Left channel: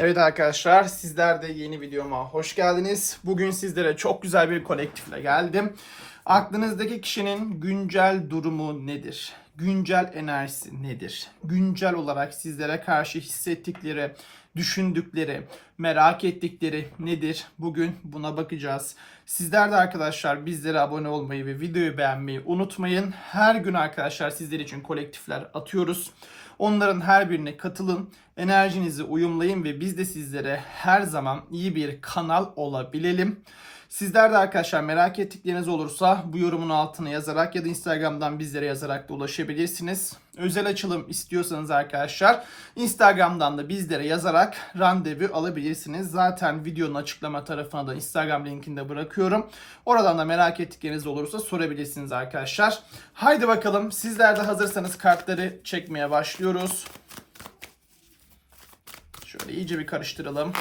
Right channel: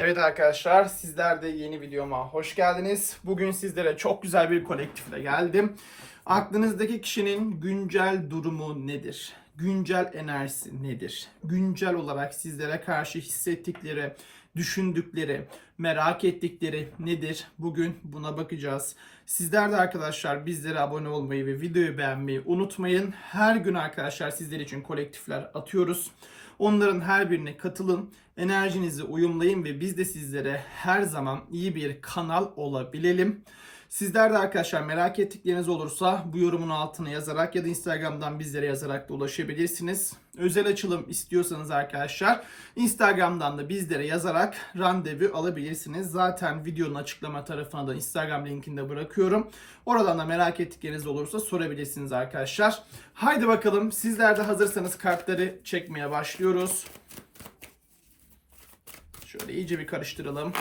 Evet arkadaşlar sizler de yeni videoma hoş geldiniz. Bugün sizlere çok güzel bir kolektifle geldim. Aklınızdaki kişinin güncel durumu nedir? Güncel enerjisi nedir? Güncel olarak sizlere karşı hissettikleri, düşündükleri, merak ettikleri nedir? Bugün buna bakacağız. Sizler de arkadaşlar bizlere abone olmayı ve videoyu beğenmeyi unutmayın. Her gün arkadaşlar sizler için kolektifler atıyoruz. Onların her birine katılın, enerjinizi uyumlayın ve biz de sizlere her zaman iyi bir kanal olabilelim. Sizler de arkadaşlar merak ettikleriniz olursa bu yorumun altına yazarak ya da Instagram'dan bizlere yazarak da ulaşabilirsiniz. Özel açılım istiyorsanız arkadaşlar Instagram'dan da bizlere yazarak randevu alabilirsiniz. Zaten videonun açıklama tarafına da Instagram linkini de bırakıyorum. Oradan da merak ettikleriniz olursa sorabilirsiniz arkadaşlar. Haydi bakalım sizler de hazırsanız kartları çekmeye başlıyoruz. Şöyle iyice bir karıştıralım.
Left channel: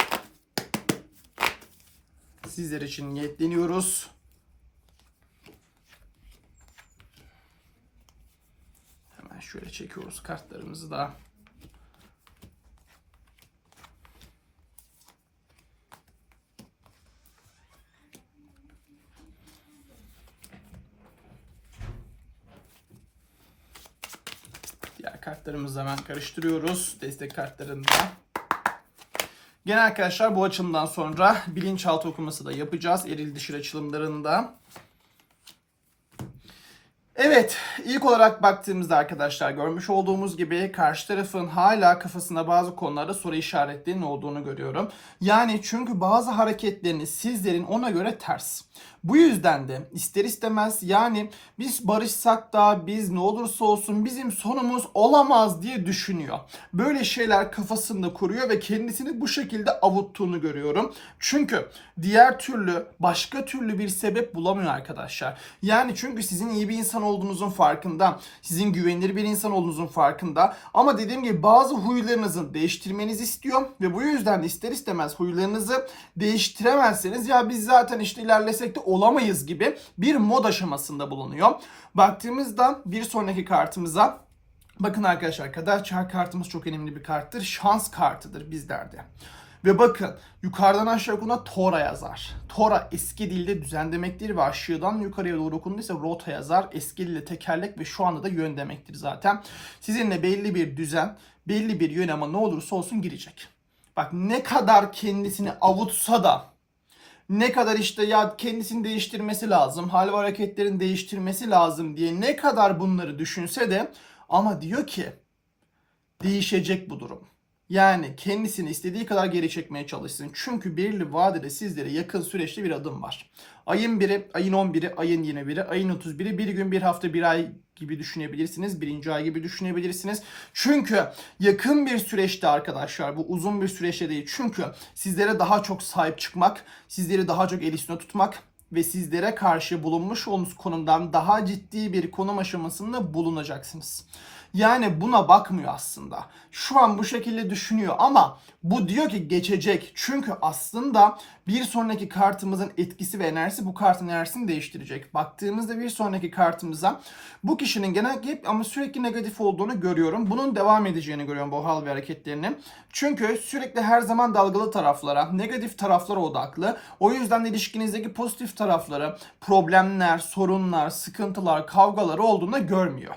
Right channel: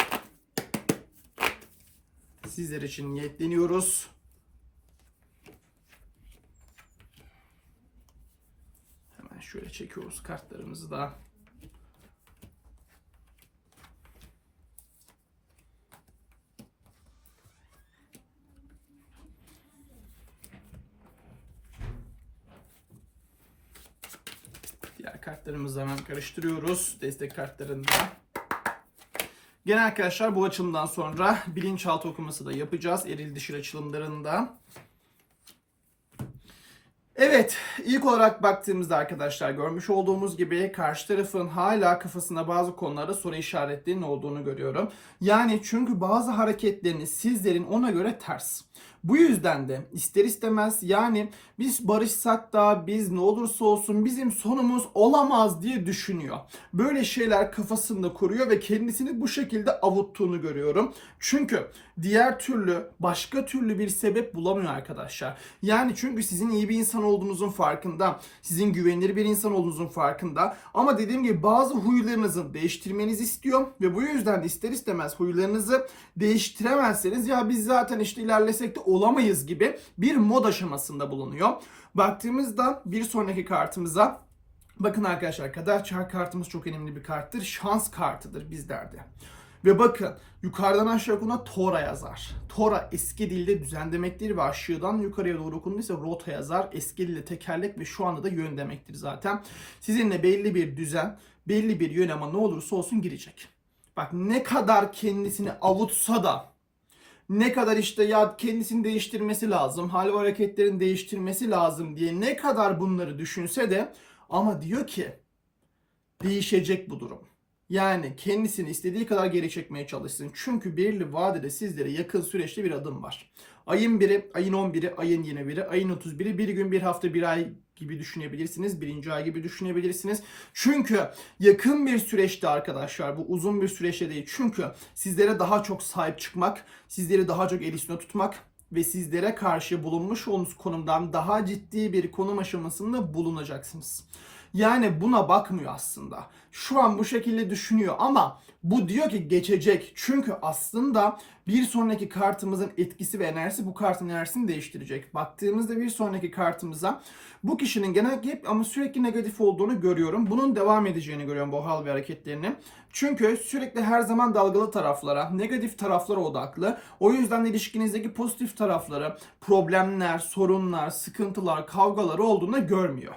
Sizler için niyetleniyoruz. Hemen şöyle çekiyoruz kartlarımızı da. Diğer kartlarımızı hemen karıştırıyoruz. Destek kartlarını da. Gene arkadaşlar bu açılımdan sonra bilinçaltı okuması da yapacağız. Eril dişil açılımlarında. Evet, ilk olarak baktığımızda arkadaşlar görmüş olduğumuz gibi karşı tarafın hala kafasında bazı konularda soru işaretlerinin olduğunu görüyorum. Yani çünkü bazı hareketlerini sizlerin ona göre ters. Bu yüzden de ister istemez yani biz barışsak da biz ne olursa olsun bizim sonumuz olamaz diye düşünüyor. Böyle şeyler kafasında kuruyor ve kendisini bu şekilde avuttuğunu görüyorum. Çünkü diğer türlü başka türlü bir sebep bulamıyor arkadaşlar. Yani çünkü sizin iyi bir insan olduğunuzun farkında, sizin güvenilir bir insan olduğunuzun farkında ama dediğim gibi bazı huylarınızı değiştirmenizi istiyor ve bu yüzden de ister istemez huylarınızı değiştiremezseniz ya biz zaten işte ilerlesek de olamayız gibi bir mod aşamasında bulunuyor. Baktığımızda bir sonraki kartımıza bakın arkadaşlar kader kartımız çok önemli bir karttır. Şans kartıdır bizlerde. Ve bakın yukarıdan aşağı okunduğunda Tora yazar. Tora eski dilde düzen demektir ve aşağıdan yukarıya doğru okunduysa rota yazar. Eski dilde tekerlek ve şu anda da yön demektir zaten. Sizinle belli bir düzen, belli bir yön ama ne olursa olsun girecek. Bak ne kadar kendisini avutsa da ne kadar işte ya kendisini değiştirmesi lazım, hal ve hareketlerini değiştirmesi lazım diye ne kadar bunları düşünse de ama diyor ki değişecek bu durum. Yani kendisini istediği kadar geri çekmeye çalışsın. Çünkü belirli vadede sizlere yakın süreçte bir adım var. Ayın 1'i, ayın 11'i, ayın 21'i, ayın 31'i bir gün, bir hafta, bir ay gibi düşünebilirsiniz. Birinci ay gibi düşünebilirsiniz. Çünkü yakın bir süreçte arkadaşlar bu uzun bir süreçte değil. Çünkü sizlere daha çok sahip çıkmak, sizleri daha çok el üstüne tutmak ve sizlere karşı bulunmuş olduğunuz konumdan daha ciddi bir konum aşamasında bulunacaksınız. Yani buna bakmıyor aslında. Şu an bu şekilde düşünüyor ama bu diyor ki geçecek. Çünkü aslında bir sonraki kartımızın etkisi ve enerjisi bu kartın enerjisini değiştirecek. Baktığımızda bir sonraki kartımıza bu kişinin genellikle hep ama sürekli negatif olduğunu görüyorum. Bunun devam edeceğini görüyorum bu hal ve hareketlerini. Çünkü sürekli her zaman dalgalı taraflara, negatif taraflara odaklı. O yüzden de ilişkinizdeki pozitif tarafları, problemler, sorunlar, sıkıntılar, kavgaları olduğunu görmüyor.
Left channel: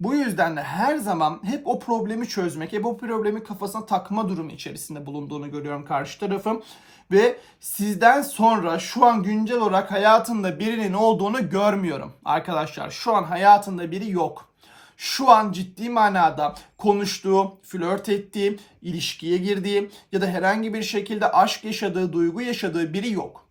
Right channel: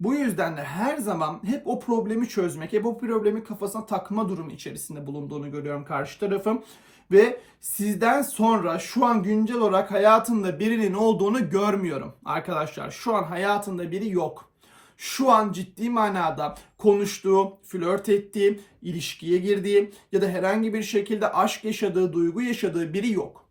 Bu yüzden de her zaman hep o problemi çözmek, hep o problemi kafasına takma durumu içerisinde bulunduğunu görüyorum karşı tarafım. Ve sizden sonra şu an güncel olarak hayatında birinin olduğunu görmüyorum. Arkadaşlar şu an hayatında biri yok. Şu an ciddi manada konuştuğu, flört ettiği, ilişkiye girdiği ya da herhangi bir şekilde aşk yaşadığı, duygu yaşadığı biri yok.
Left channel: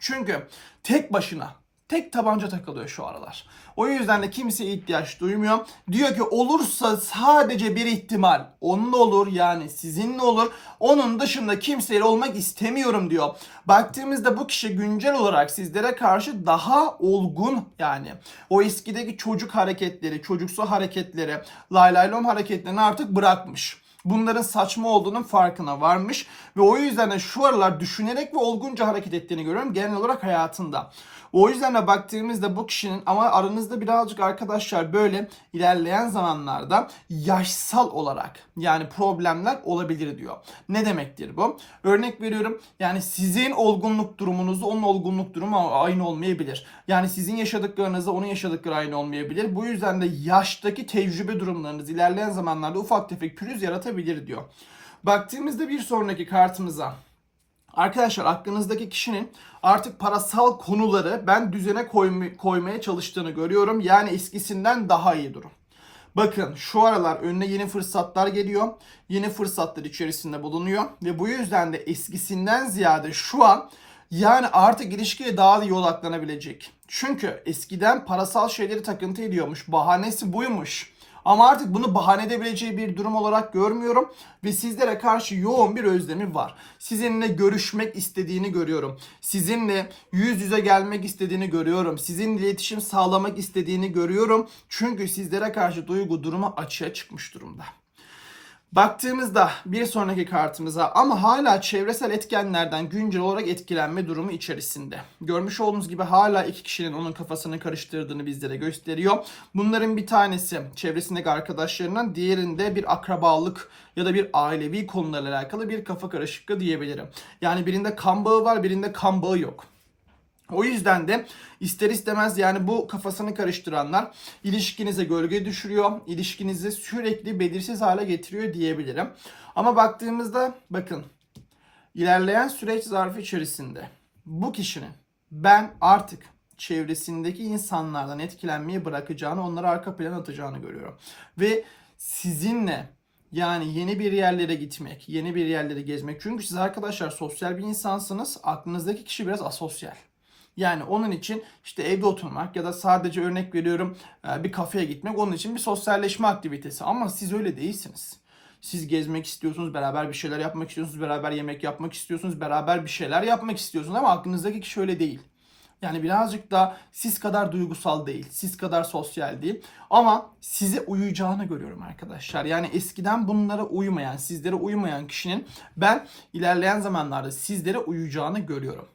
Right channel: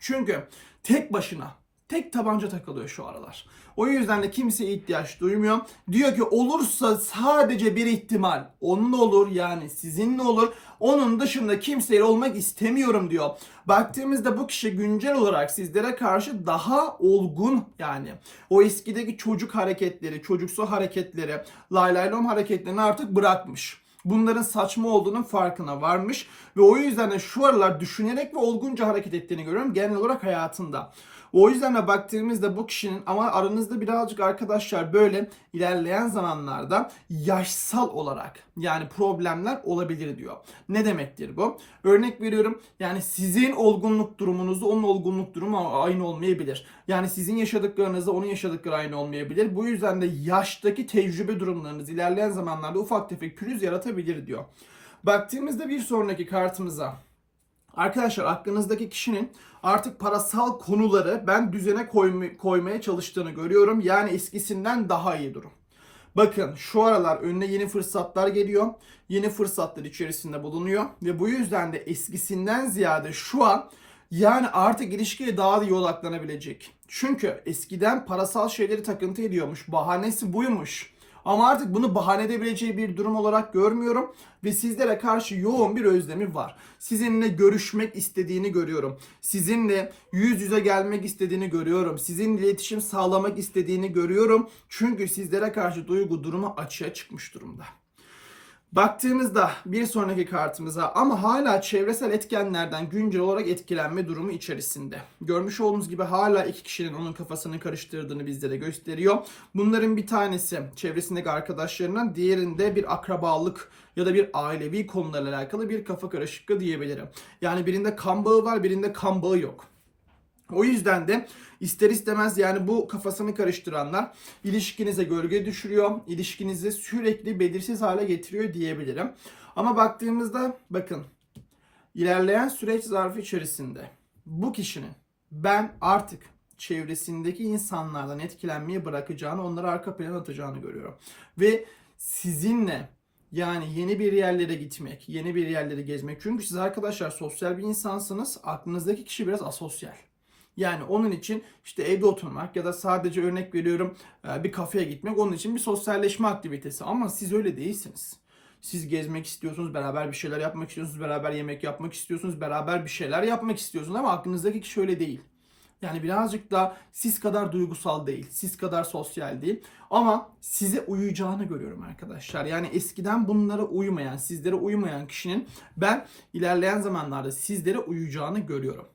Çünkü tek başına tek tabanca takılıyor şu aralar. O yüzden de kimseye ihtiyaç duymuyor. Diyor ki olursa sadece bir ihtimal. Onunla olur yani sizinle olur. Onun dışında kimseyle olmak istemiyorum diyor. Baktığımızda bu kişi güncel olarak sizlere karşı daha olgun yani. O eskideki çocuk hareketleri, çocuksu hareketleri, lay lay lom hareketlerini artık bırakmış. bunların saçma olduğunun farkına varmış ve o yüzden de şu aralar düşünerek ve olgunca hareket ettiğini görüyorum genel olarak hayatında. O yüzden de baktığımızda bu kişinin ama aranızda birazcık arkadaşlar böyle ilerleyen zamanlarda yaşsal olarak yani problemler olabilir diyor. Ne demektir bu? Örnek veriyorum yani sizin olgunluk durumunuzda onun olgunluk durumu aynı olmayabilir. Yani sizin yaşadıklarınızda onun yaşadıkları aynı olmayabilir. Bu yüzden de yaştaki tecrübe durumlarınız ilerleyen zamanlarda ufak tefek pürüz yaratabilir diyor. Baktığımızda bir sonraki kartımıza Arkadaşlar aklınızdaki kişinin artık parasal konuları ben düzene koyma- koymaya çalıştığını görüyorum. Yani eskisinden daha iyi durum. Bakın şu aralar önüne yeni fırsatlar geliyor. Yeni fırsatlar içerisinde bulunuyor. Ve bu yüzden de eskisinden ziyade şu an yani artık ilişkiye daha iyi odaklanabilecek. Çünkü eskiden parasal şeyleri takıntı ediyormuş. Bahanesi buymuş. Ama artık bunu bahane edebileceği bir durum olarak görmüyorum ve sizlere karşı yoğun bir özlemi var. Sizinle görüşmek istediğini görüyorum. Sizinle yüz yüze gelmek istediğini görüyorum. Sizinle iletişim sağlamak istediğini görüyorum. Çünkü sizlere karşı duygu durumu açığa çıkmış durumda. Baktığımızda bir sonraki kartımıza ama hala çevresel etkenlerden güncel olarak etkilenme durumu içerisinde. Görmüş olduğunuz gibi hala iki kişinin onun kafasını karıştırdığını bizlere gösteriyor. Bunların bir tanesi çevresindeki arkadaşlarından, diğerinde bir akrabalık ya da bir ailevi konularla alakalı bir kafa karışıklığı diyebilirim. Yani birinde kan bağı var, birinde kan bağı yok. O yüzden de ister istemez yani bu kafasını karıştıranlar ilişkinize gölge düşürüyor. ilişkinizi sürekli belirsiz hale getiriyor diyebilirim. Ama baktığımızda bakın ilerleyen süreç zarfı içerisinde bu kişinin ben artık çevresindeki insanlardan etkilenmeyi bırakacağını, onları arka plana atacağını görüyorum. Ve sizinle yani yeni bir yerlere gitmek, yeni bir yerlere gezmek. Çünkü siz arkadaşlar sosyal bir insansınız. Aklınızdaki kişi biraz asosyal. Yani onun için işte evde oturmak ya da sadece örnek veriyorum e, bir kafeye gitmek onun için bir sosyalleşme aktivitesi. Ama siz öyle değilsiniz. Siz gezmek istiyorsunuz, beraber bir şeyler yapmak istiyorsunuz, beraber yemek yapmak istiyorsunuz, beraber bir şeyler yapmak istiyorsunuz ama aklınızdaki kişi öyle değil. Yani birazcık da siz kadar duygusal değil, siz kadar sosyal değil. Ama size uyuyacağını görüyorum arkadaşlar. Yani eskiden bunlara uymayan, sizlere uymayan kişinin ben ilerleyen zamanlarda sizlere uyuyacağını görüyorum.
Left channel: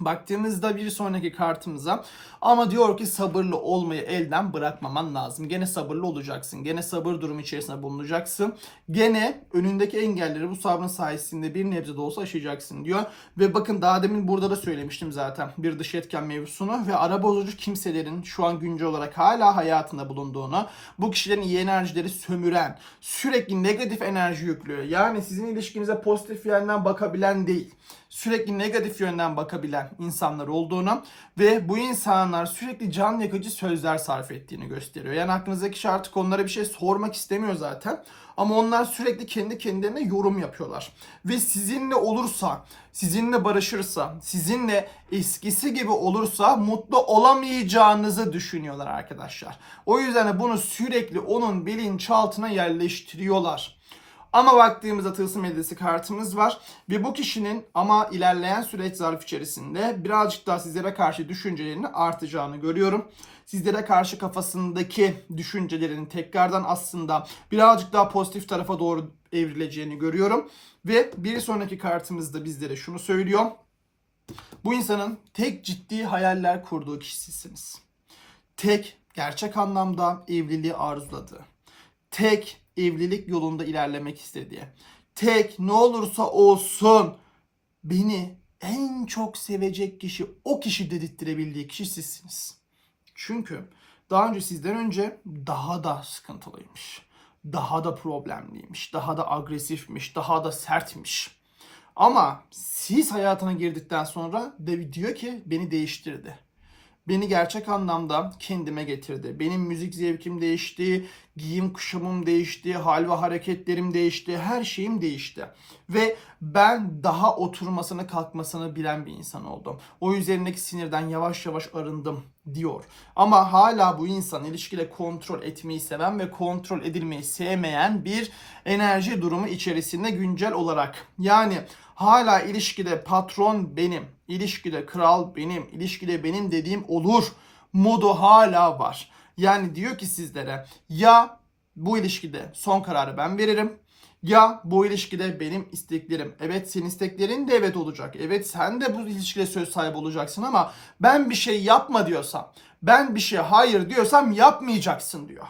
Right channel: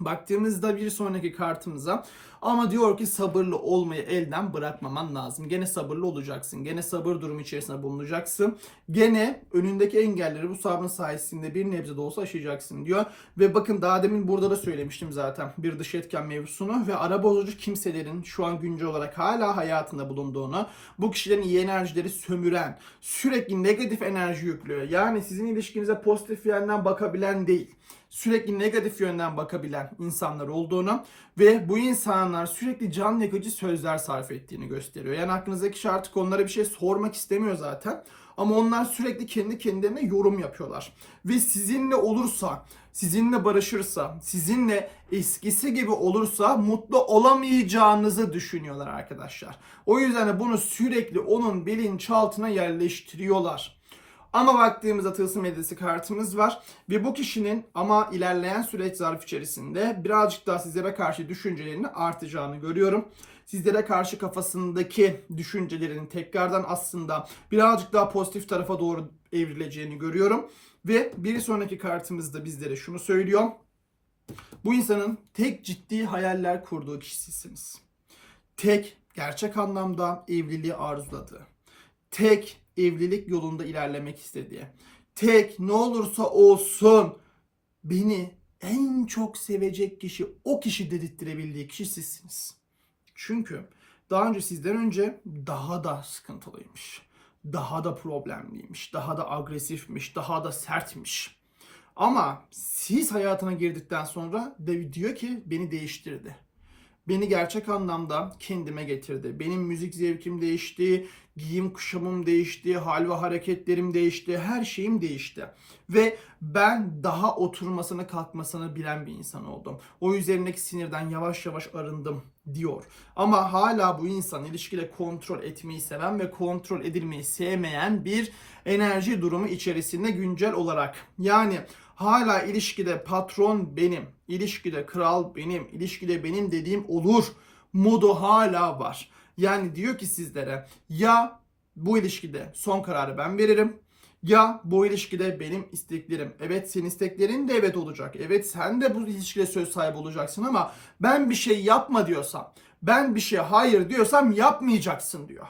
Baktığımızda bir sonraki kartımıza ama diyor ki sabırlı olmayı elden bırakmaman lazım. Gene sabırlı olacaksın. Gene sabır durumu içerisinde bulunacaksın. Gene önündeki engelleri bu sabrın sayesinde bir nebze de olsa aşacaksın diyor. Ve bakın daha demin burada da söylemiştim zaten bir dış etken mevzusunu ve ara bozucu kimselerin şu an güncel olarak hala hayatında bulunduğunu, bu kişilerin iyi enerjileri sömüren, sürekli negatif enerji yüklüyor. Yani sizin ilişkinize pozitif yönden bakabilen değil sürekli negatif yönden bakabilen insanlar olduğunu ve bu insanlar sürekli can yakıcı sözler sarf ettiğini gösteriyor. Yani aklınızdaki kişi artık onlara bir şey sormak istemiyor zaten. Ama onlar sürekli kendi kendilerine yorum yapıyorlar. Ve sizinle olursa, sizinle barışırsa, sizinle eskisi gibi olursa mutlu olamayacağınızı düşünüyorlar arkadaşlar. O yüzden de bunu sürekli onun bilinçaltına yerleştiriyorlar. Ama baktığımızda tılsım hediyesi kartımız var. Ve bu kişinin ama ilerleyen süreç zarf içerisinde birazcık daha sizlere karşı düşüncelerinin artacağını görüyorum. Sizlere karşı kafasındaki düşüncelerin tekrardan aslında birazcık daha pozitif tarafa doğru evrileceğini görüyorum. Ve bir sonraki kartımızda bizlere şunu söylüyor. Bu insanın tek ciddi hayaller kurduğu kişisiniz. Tek gerçek anlamda evliliği arzuladığı. Tek evlilik yolunda ilerlemek istediği. Tek ne olursa olsun beni en çok sevecek kişi o kişi dedirttirebildiği kişi sizsiniz. Çünkü daha önce sizden önce daha da sıkıntılıymış. Daha da problemliymiş, daha da agresifmiş, daha da sertmiş. Ama siz hayatına girdikten sonra diyor ki beni değiştirdi. Beni gerçek anlamda kendime getirdi. Benim müzik zevkim değişti, giyim kuşamım değişti, hal ve hareketlerim değişti, her şeyim değişti. Ve ben daha oturmasını kalkmasını bilen bir insan oldum. O üzerindeki sinirden yavaş yavaş arındım diyor. Ama hala bu insan ilişkide kontrol etmeyi seven ve kontrol edilmeyi sevmeyen bir enerji durumu içerisinde güncel olarak. Yani hala ilişkide patron benim, ilişkide kral benim, ilişkide benim dediğim olur modu hala var. Yani diyor ki sizlere ya bu ilişkide son kararı ben veririm Ya bu ilişkide benim isteklerim, evet senin isteklerin de evet olacak. Evet sen de bu ilişkide söz sahibi olacaksın ama ben bir şey yapma diyorsam, ben bir şey hayır diyorsam yapmayacaksın diyor.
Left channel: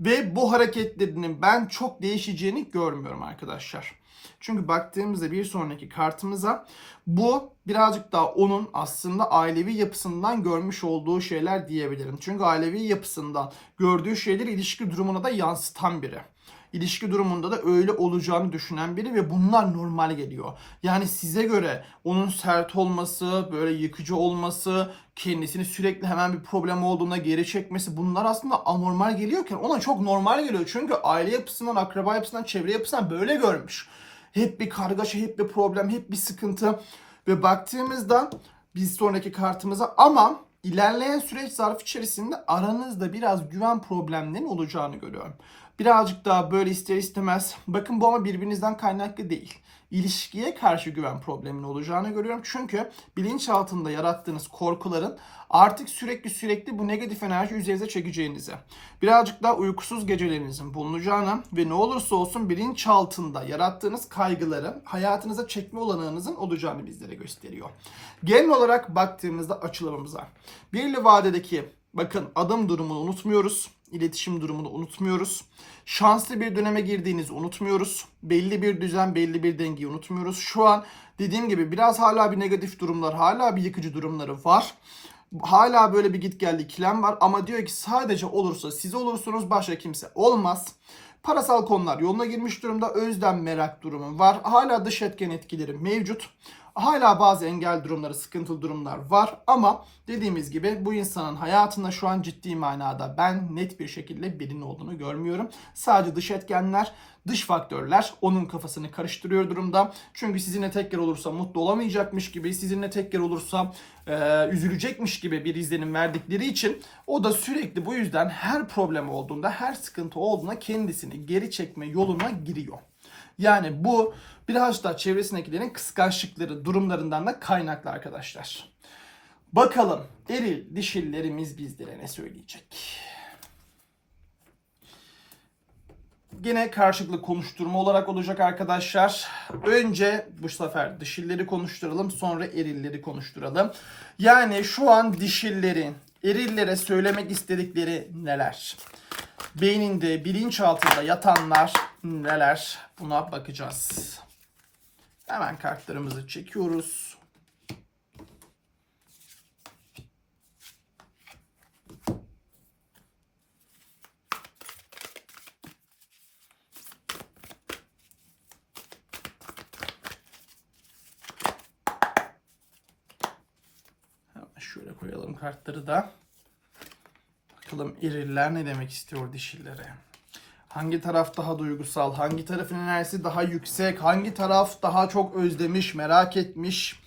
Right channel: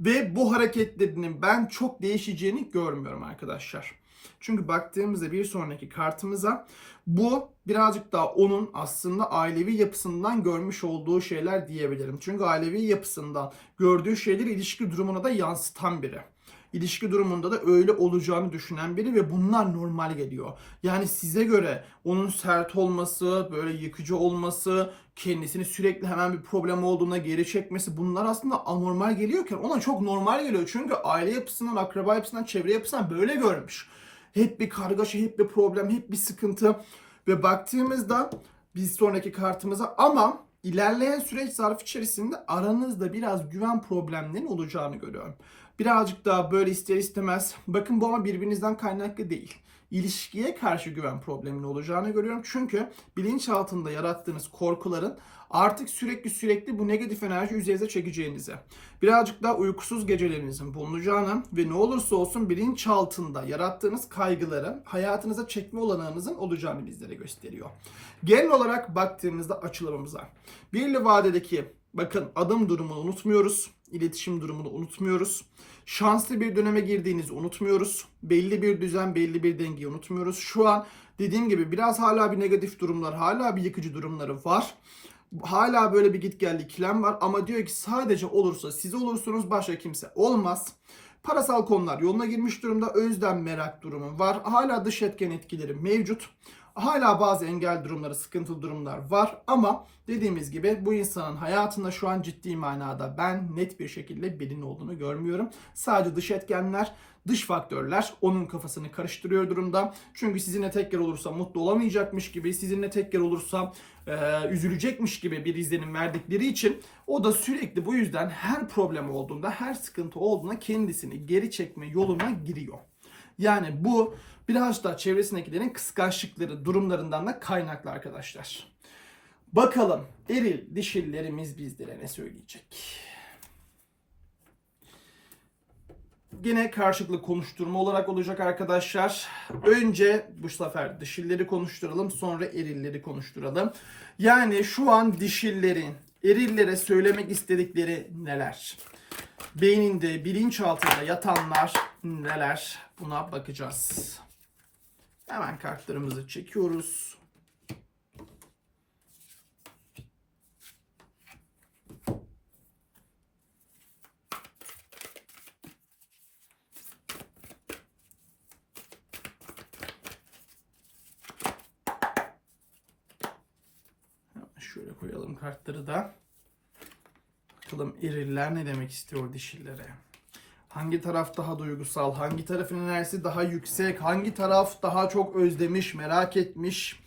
Ve bu hareketlerinin ben çok değişeceğini görmüyorum arkadaşlar. Çünkü baktığımızda bir sonraki kartımıza bu birazcık daha onun aslında ailevi yapısından görmüş olduğu şeyler diyebilirim. Çünkü ailevi yapısından gördüğü şeyleri ilişki durumuna da yansıtan biri ilişki durumunda da öyle olacağını düşünen biri ve bunlar normal geliyor. Yani size göre onun sert olması, böyle yıkıcı olması, kendisini sürekli hemen bir problem olduğunda geri çekmesi bunlar aslında anormal geliyorken ona çok normal geliyor. Çünkü aile yapısından, akraba yapısından, çevre yapısından böyle görmüş. Hep bir kargaşa, hep bir problem, hep bir sıkıntı. Ve baktığımızda biz sonraki kartımıza ama ilerleyen süreç zarfı içerisinde aranızda biraz güven problemlerinin olacağını görüyorum. Birazcık daha böyle ister istemez. Bakın bu ama birbirinizden kaynaklı değil. İlişkiye karşı güven probleminin olacağını görüyorum. Çünkü bilinç altında yarattığınız korkuların artık sürekli sürekli bu negatif enerji üzerinize çekeceğinizi, birazcık daha uykusuz gecelerinizin bulunacağını ve ne olursa olsun bilinç altında yarattığınız kaygıları hayatınıza çekme olanağınızın olacağını bizlere gösteriyor. Genel olarak baktığımızda açılımımıza birli vadedeki bakın adım durumunu unutmuyoruz iletişim durumunu unutmuyoruz. Şanslı bir döneme girdiğinizi unutmuyoruz. Belli bir düzen, belli bir dengeyi unutmuyoruz. Şu an dediğim gibi biraz hala bir negatif durumlar, hala bir yıkıcı durumları var. Hala böyle bir git geldi ikilem var ama diyor ki sadece olursa siz olursunuz başka kimse olmaz. Parasal konular yoluna girmiş durumda. Özlem merak durumu var. Hala dış etken etkileri mevcut. Hala bazı engel durumları, sıkıntılı durumlar var ama dediğimiz gibi bu insanın hayatında şu an ciddi manada ben net bir şekilde birinin olduğunu görmüyorum. Sadece dış etkenler, dış faktörler onun kafasını karıştırıyor durumda. Çünkü sizinle tekrar olursa mutlu olamayacakmış gibi, sizinle tekrar olursa e, üzülecekmiş gibi bir izlenim verdikleri için o da sürekli bu yüzden her problem olduğunda, her sıkıntı olduğunda kendisini geri çekme yoluna giriyor. Yani bu biraz da çevresindekilerin kıskançlıkları durumlarından da kaynaklı arkadaşlar. Bakalım eril dişillerimiz bizlere ne söyleyecek? Yine karşılıklı konuşturma olarak olacak arkadaşlar. Önce bu sefer dişilleri konuşturalım sonra erilleri konuşturalım. Yani şu an dişillerin erillere söylemek istedikleri neler? Beyninde, bilinçaltında yatanlar neler? Buna bakacağız. Hemen kartlarımızı çekiyoruz. şöyle koyalım kartları da. Bakalım eriller ne demek istiyor dişillere. Hangi taraf daha duygusal, hangi tarafın enerjisi daha yüksek, hangi taraf daha çok özlemiş, merak etmiş.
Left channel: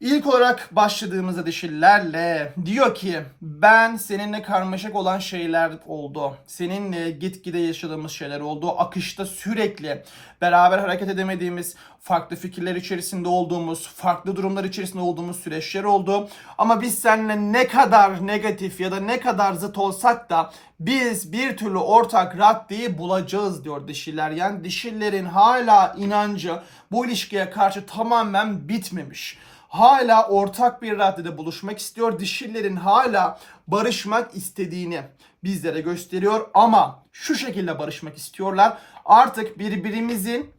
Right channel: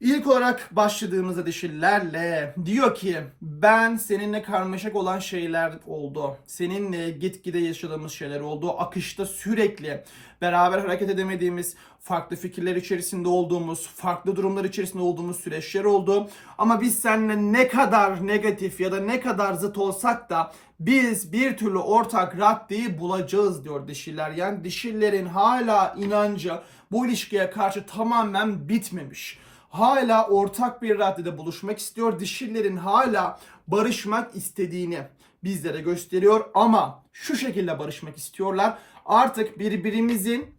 İlk olarak başladığımızda dişillerle diyor ki ben seninle karmaşık olan şeyler oldu. Seninle gitgide yaşadığımız şeyler oldu. Akışta sürekli beraber hareket edemediğimiz, farklı fikirler içerisinde olduğumuz, farklı durumlar içerisinde olduğumuz süreçler oldu. Ama biz seninle ne kadar negatif ya da ne kadar zıt olsak da biz bir türlü ortak raddeyi bulacağız diyor dişiler. Yani dişillerin hala inancı bu ilişkiye karşı tamamen bitmemiş hala ortak bir raddede buluşmak istiyor. Dişillerin hala barışmak istediğini bizlere gösteriyor ama şu şekilde barışmak istiyorlar. Artık birbirimizin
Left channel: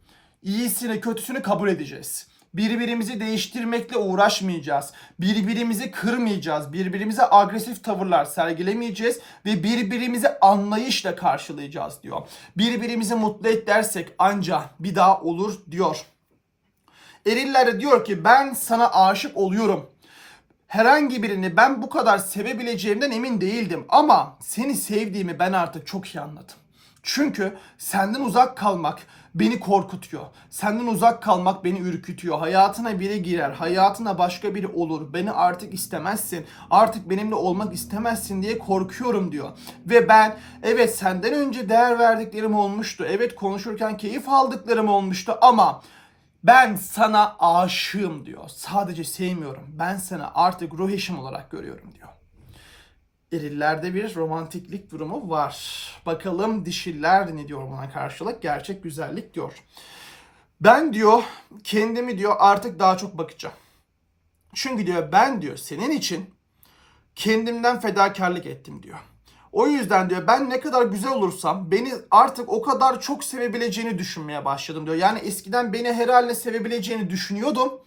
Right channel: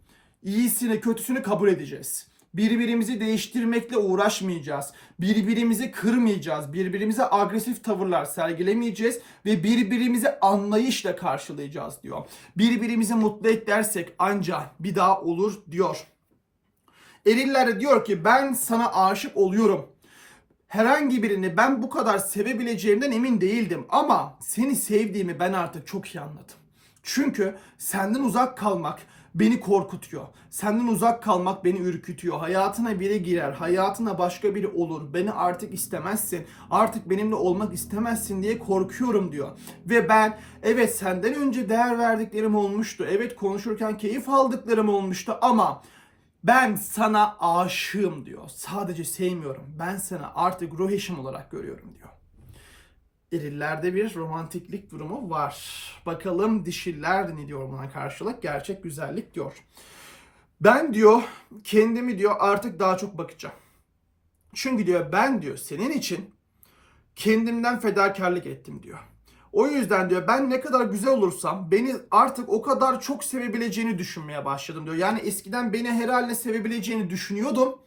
iyisini kötüsünü kabul edeceğiz. Birbirimizi değiştirmekle uğraşmayacağız. Birbirimizi kırmayacağız. Birbirimize agresif tavırlar sergilemeyeceğiz ve birbirimizi anlayışla karşılayacağız diyor. Birbirimizi mutlu et dersek ancak bir daha olur diyor. Eriller diyor ki ben sana aşık oluyorum. Herhangi birini ben bu kadar sevebileceğimden emin değildim ama seni sevdiğimi ben artık çok iyi anladım. Çünkü senden uzak kalmak beni korkutuyor. Senden uzak kalmak beni ürkütüyor. Hayatına biri girer, hayatına başka biri olur. Beni artık istemezsin. Artık benimle olmak istemezsin diye korkuyorum diyor. Ve ben evet senden önce değer verdiklerim olmuştu. Evet konuşurken keyif aldıklarım olmuştu ama ben sana aşığım diyor. Sadece sevmiyorum. Ben sana artık ruh eşim olarak görüyorum diyor. erillerde bir romantiklik durumu var. Bakalım dişiller ne diyor buna karşılık? Gerçek güzellik diyor. Ben diyor kendimi diyor artık daha çok bakacağım. Çünkü diyor ben diyor senin için kendimden fedakarlık ettim diyor. O yüzden diyor ben ne kadar güzel olursam beni artık o kadar çok sevebileceğini düşünmeye başladım diyor. Yani eskiden beni her haline sevebileceğini düşünüyordum.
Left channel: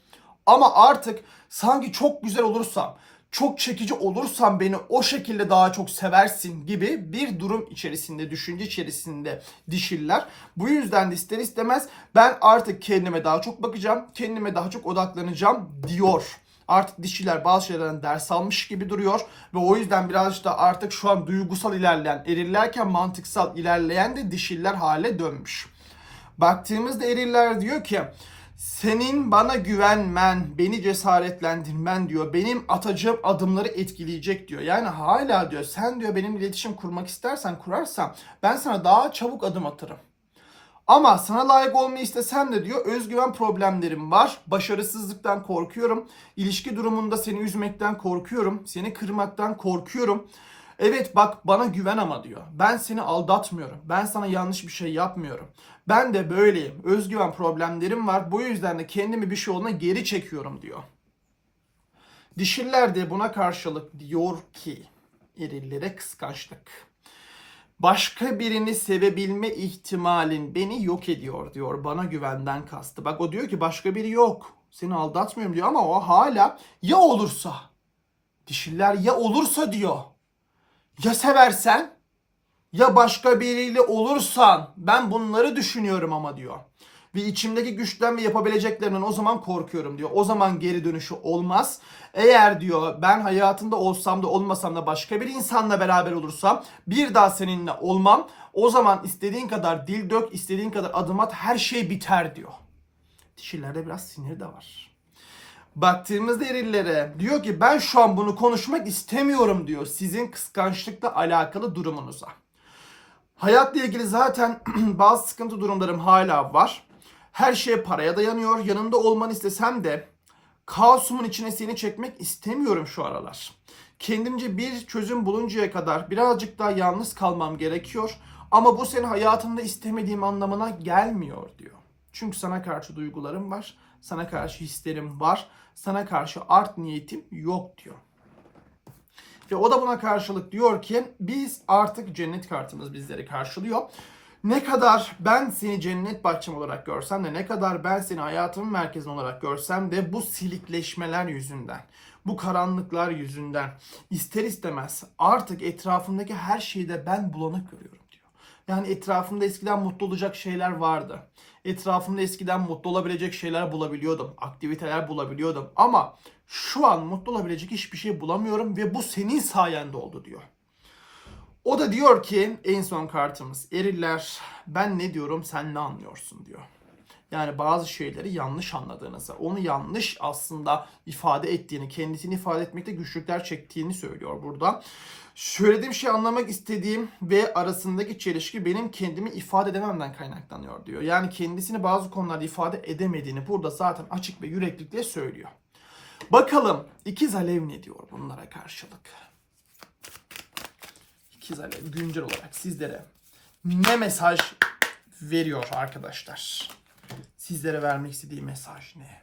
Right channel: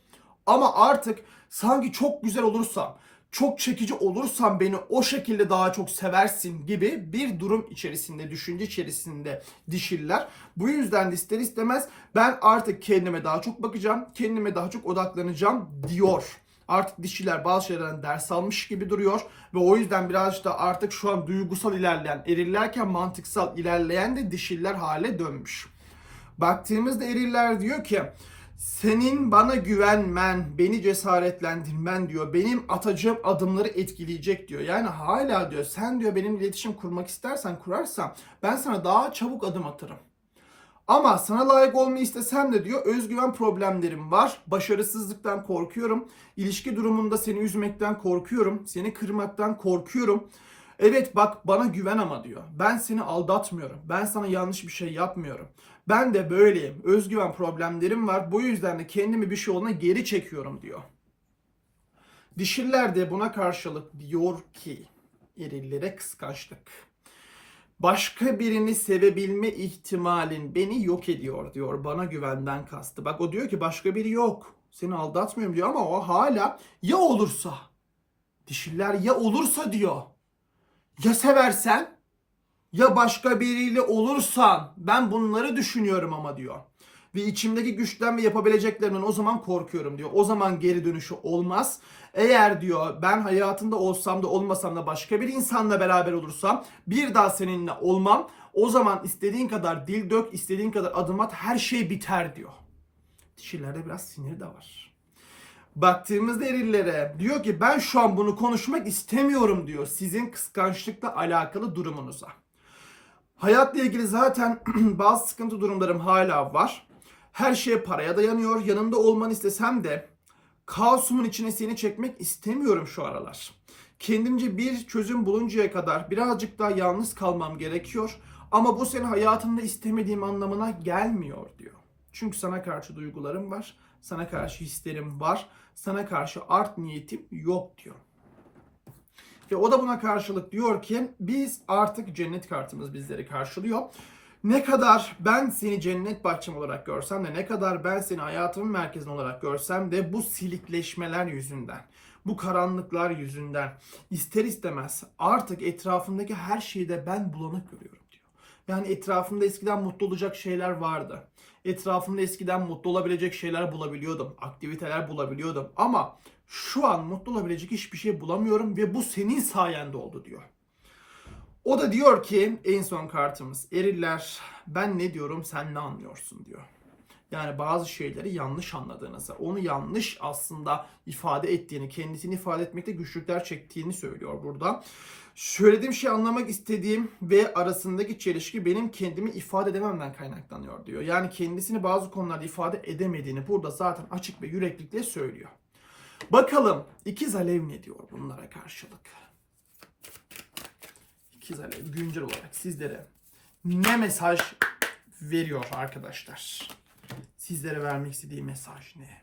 Ama artık sanki çok güzel olursam, çok çekici olursam beni o şekilde daha çok seversin gibi bir durum içerisinde, düşünce içerisinde dişiller. Bu yüzden de ister istemez ben artık kendime daha çok bakacağım, kendime daha çok odaklanacağım diyor. Artık dişiler bazı şeylerden ders almış gibi duruyor ve o yüzden birazcık da artık şu an duygusal ilerleyen, erillerken mantıksal ilerleyen de dişiller hale dönmüş. Baktığımızda eriller diyor ki senin bana güvenmen, beni cesaretlendirmen diyor. Benim atacağım adımları etkileyecek diyor. Yani hala diyor sen diyor benim iletişim kurmak istersen kurarsan ben sana daha çabuk adım atarım. Ama sana layık olmayı istesem de diyor özgüven problemlerim var. Başarısızlıktan korkuyorum. İlişki durumunda seni üzmekten korkuyorum. Seni kırmaktan korkuyorum. Evet bak bana güven ama diyor. Ben seni aldatmıyorum. Ben sana yanlış bir şey yapmıyorum. Ben de böyleyim. Özgüven problemlerim var. Bu yüzden de kendimi bir şey olduğuna geri çekiyorum diyor. Dişiller de buna karşılık diyor ki erillere kıskançlık. Başka birini sevebilme ihtimalin beni yok ediyor diyor. Bana güvenden kastı. Bak o diyor ki başka biri yok. Seni aldatmıyorum diyor ama o hala ya olursa. Dişiller ya olursa diyor. Ya seversen ya başka biriyle olursan ben bunları düşünüyorum ama diyor. Ve içimdeki güçten ve yapabileceklerinden o zaman korkuyorum diyor. O zaman geri dönüşü olmaz. Eğer diyor ben hayatında olsam da olmasam da başka bir insanla beraber olursam bir daha seninle olmam. O zaman istediğin kadar dil dök, istediğin kadar adım at her şey biter diyor. Dişilerde biraz sinir de var. Baktığımızda erillere diyor ki ben şu an bunu konuşmak istemiyorum diyor sizin kıskançlıkla alakalı durumunuza. Hayatla ilgili zaten bazı sıkıntı durumlarım hala var. Her şey paraya dayanıyor. Yanında olmanı istesem de kaosumun içine seni çekmek istemiyorum şu aralar. Kendimce bir çözüm buluncaya kadar birazcık daha yalnız kalmam gerekiyor. Ama bu senin hayatımda istemediğim anlamına gelmiyor diyor. Çünkü sana karşı duygularım var. Sana karşı hislerim var. Sana karşı art niyetim yok diyor. Ve o da buna karşılık diyor ki biz artık cennet kartımız bizleri karşılıyor. Ne kadar ben seni cennet bahçem olarak görsem de ne kadar ben seni hayatımın merkezin olarak görsem de bu silikleşmeler yüzünden, bu karanlıklar yüzünden ister istemez artık etrafımdaki her şeyi de ben bulanık görüyorum. Yani etrafımda eskiden mutlu olacak şeyler vardı. Etrafımda eskiden mutlu olabilecek şeyler bulabiliyordum. Aktiviteler bulabiliyordum. Ama şu an mutlu olabilecek hiçbir şey bulamıyorum ve bu senin sayende oldu diyor. O da diyor ki en son kartımız eriller ben ne diyorum sen ne anlıyorsun diyor. Yani bazı şeyleri yanlış anladığınızı, onu yanlış aslında ifade ettiğini, kendisini ifade etmekte güçlükler çektiğini söylüyor burada. Söylediğim şey anlamak istediğim ve arasındaki çelişki benim kendimi ifade edememden kaynaklanıyor diyor. Yani kendisini bazı konularda ifade edemediğini burada zaten açık ve yüreklikle söylüyor. Bakalım ikiz alev ne diyor bunlara karşılık? İkiz alev güncel olarak sizlere ne mesaj veriyor arkadaşlar? Sizlere vermek istediği mesaj ne?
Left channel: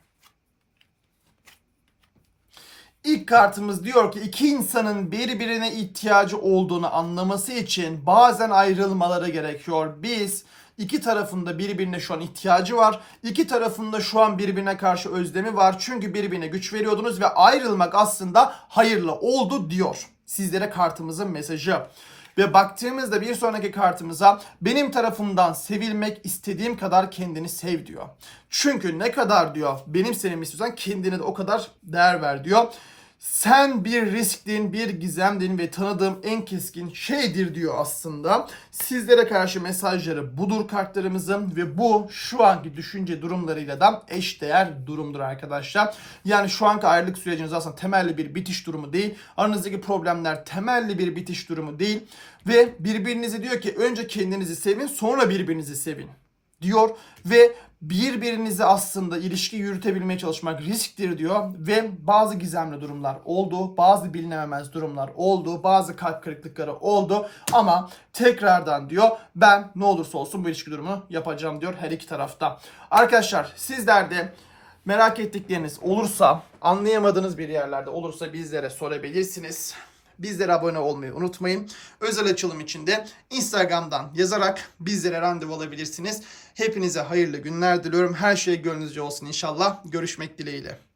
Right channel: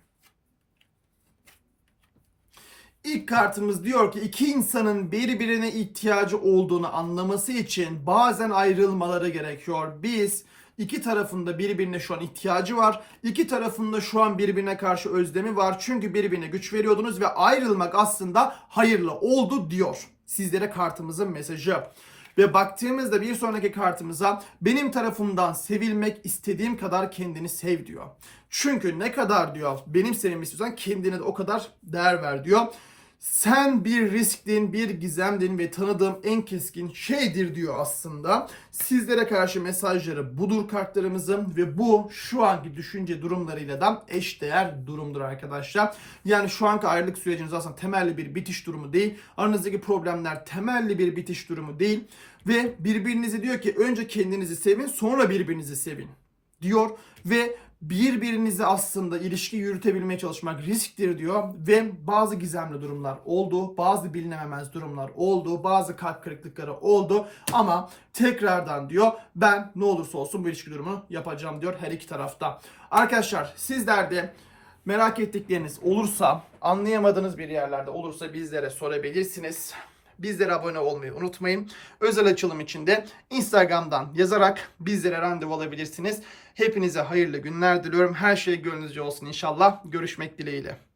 İlk kartımız diyor ki iki insanın birbirine ihtiyacı olduğunu anlaması için bazen ayrılmaları gerekiyor. Biz iki tarafında birbirine şu an ihtiyacı var. İki tarafında şu an birbirine karşı özlemi var. Çünkü birbirine güç veriyordunuz ve ayrılmak aslında hayırlı oldu diyor. Sizlere kartımızın mesajı. Ve baktığımızda bir sonraki kartımıza benim tarafımdan sevilmek istediğim kadar kendini sev diyor. Çünkü ne kadar diyor benim sevmemi istiyorsan kendine de o kadar değer ver diyor. Sen bir risklin, bir gizemdin ve tanıdığım en keskin şeydir diyor aslında. Sizlere karşı mesajları budur kartlarımızın ve bu şu anki düşünce durumlarıyla da eşdeğer durumdur arkadaşlar. Yani şu anki ayrılık süreciniz aslında temelli bir bitiş durumu değil. Aranızdaki problemler temelli bir bitiş durumu değil. Ve birbirinizi diyor ki önce kendinizi sevin sonra birbirinizi sevin diyor ve birbirinize aslında ilişki yürütebilmeye çalışmak risktir diyor ve bazı gizemli durumlar oldu, bazı bilinememez durumlar oldu, bazı kalp kırıklıkları oldu ama tekrardan diyor ben ne olursa olsun bu ilişki durumu yapacağım diyor her iki tarafta. Arkadaşlar sizler de merak ettikleriniz olursa, anlayamadığınız bir yerlerde olursa bizlere sorabilirsiniz. Bizlere abone olmayı unutmayın. Özel açılım için de Instagram'dan yazarak bizlere randevu alabilirsiniz. Hepinize hayırlı günler diliyorum. Her şey gönlünüzce olsun inşallah. Görüşmek dileğiyle.